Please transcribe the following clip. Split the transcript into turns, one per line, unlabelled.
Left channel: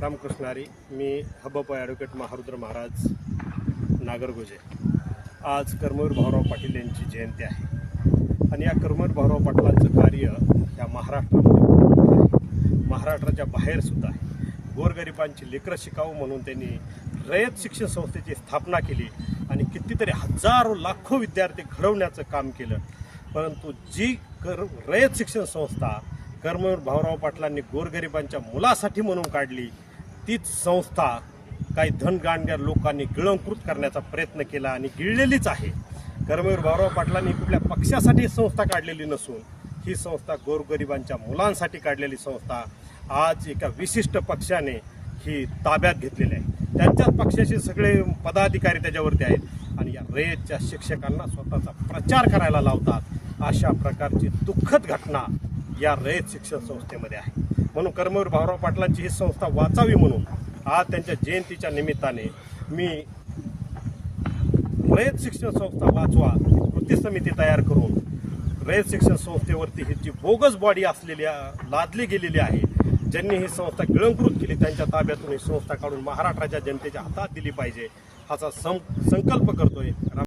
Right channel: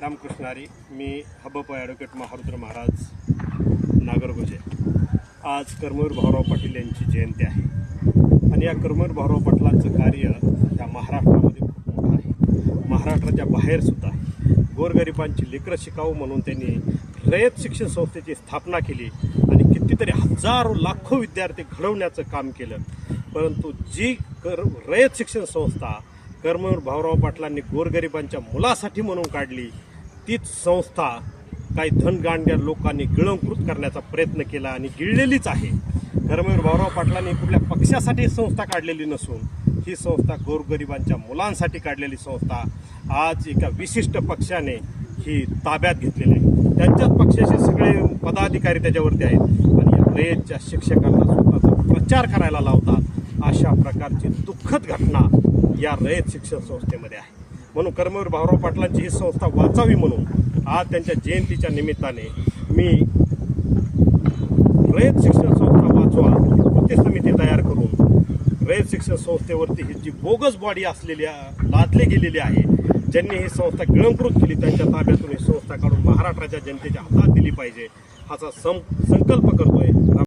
रामकृष्णारी मी हबप ॲडव्होकेट महारुद्र महाराज नागरगोजे. आज कर्मवीर भाऊराव पाटील यांची जयंती आहे. आणि या कर्मवीर भाऊराव पाटलांचं कार्य या महाराष्ट्रामध्ये महाराष्ट्राच्या बाहेरसुद्धा आहे गोरगरिबांची लेकरं शिकावं म्हणून त्यांनी रयत शिक्षण संस्थेची स्थापना केली आणि कितीतरी हजारो लाखो विद्यार्थी घडवण्याचं काम केलं. परंतु जी कर रयत शिक्षण संस्था कर्मवीर भाऊराव पाटलांनी गोरगरिबांच्या मुलासाठी म्हणून काढली तीच संस्था काही धनगांड्या लोकांनी गिळंकृत करण्याचा प्रयत्न केला आणि गिळलेलीच आहे. कर्मवीर भाऊराव पाटलांनी कुठल्या पक्षासाठी संस्था काढलेली नसून ही संस्था गोरगरिबांच्या मुलांसाठी काढलेली संस्था आज एका विशिष्ट पक्षाने ही ताब्यात घेतलेली आहे. त्यांच्याच पक्षाचे सगळे पदाधिकारी त्याच्यावरती आहेत आणि या शिक्षकांना स्वतःचा प्रचार करायला लावतात. अशा प्रकारची दुःखद घटना या रयत शिक्षण संस्थेमध्ये आहे. म्हणून कर्मवीर भाऊराव पाटलांची ही संस्था वाचावी म्हणून आज त्यांच्या जयंतीच्या निमित्ताने मी रयत शिक्षण संस्था वाचवा कृती समिती तयार करून रयत शिक्षण संस्थेवरती ही जी बोगस बॉडी असलेली लादली गेलेली आहे ज्यांनी ही संस्था गिळंकृत केली त्यांच्या ताब्यातून ही संस्था काढून महाराष्ट्राच्या जनतेच्या हातात दिली पाहिजे हाचा सं संकल्प करतोय.